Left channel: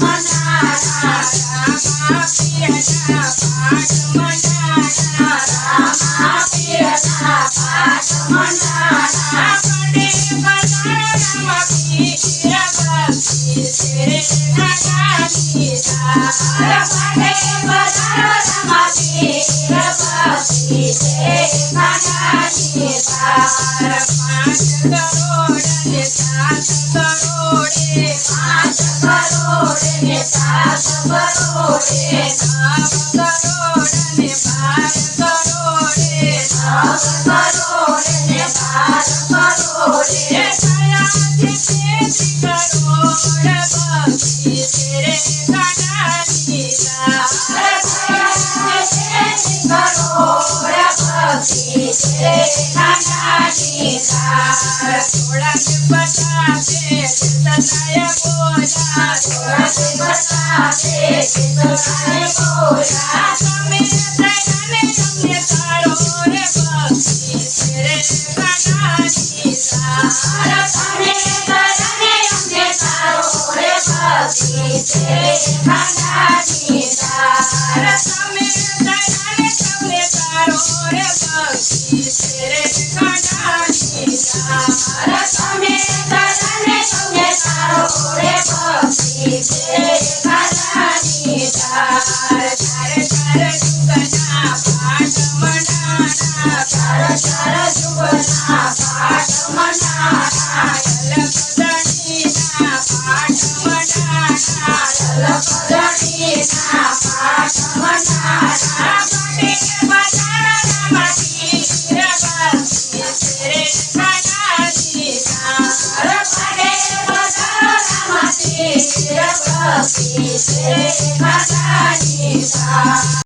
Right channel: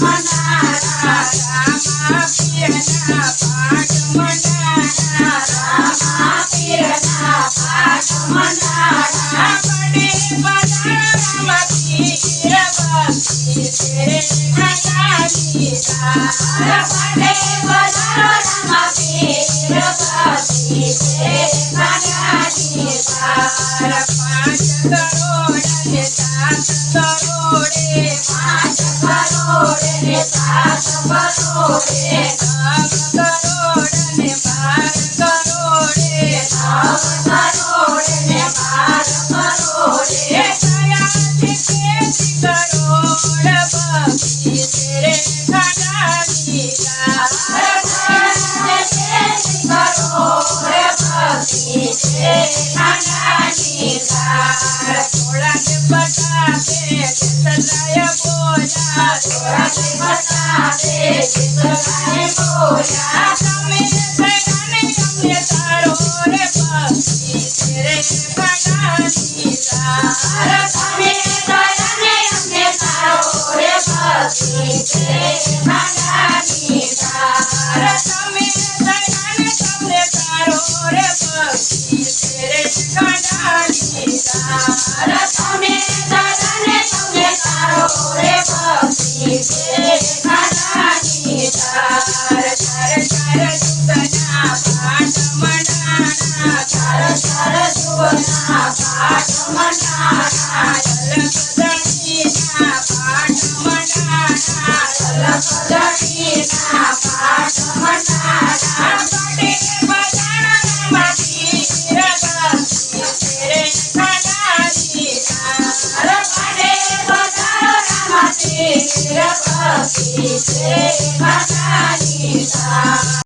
Manaha સાત કરોડે નવ કરોડ ને 12 કરોડે નવ કરોડ ને 12 કરોડે થયા છે 33 કરોડ ભક્તિ તેરે ખંડાની સાર થયા છે 33 કરોડ ભક્તિ તેરે ખંડાની સાર થોડા કે બતાવે સદાય બોલા થોડા કે બતાવે સદાય બોલા તમે થઈને અમને તારો રે ભક્તિ તેરે ખંડાની સાર તમે થઈને અમને તારો રે ભક્તિ તેરે ખંડાની સાર તમે થઈને તમને તારો રે ભક્તિ તેરે ખંડાની સાર તમે થઈને તમને તારો રે ભક્તિ તેરે ખંડાની સાર ચાર ચાર જુગના પાઠ મંડાણા ચાર ચાર જુગના પાઠ મંડાણા લખદણીના પાઠ મંડાણા લખદણીના પાઠ મંડાણા પાટીને બજાણા માટી રગતી તેરે ખંડાની સાર પાટીને બજાણા માટી રગતી તેરે ખંડાની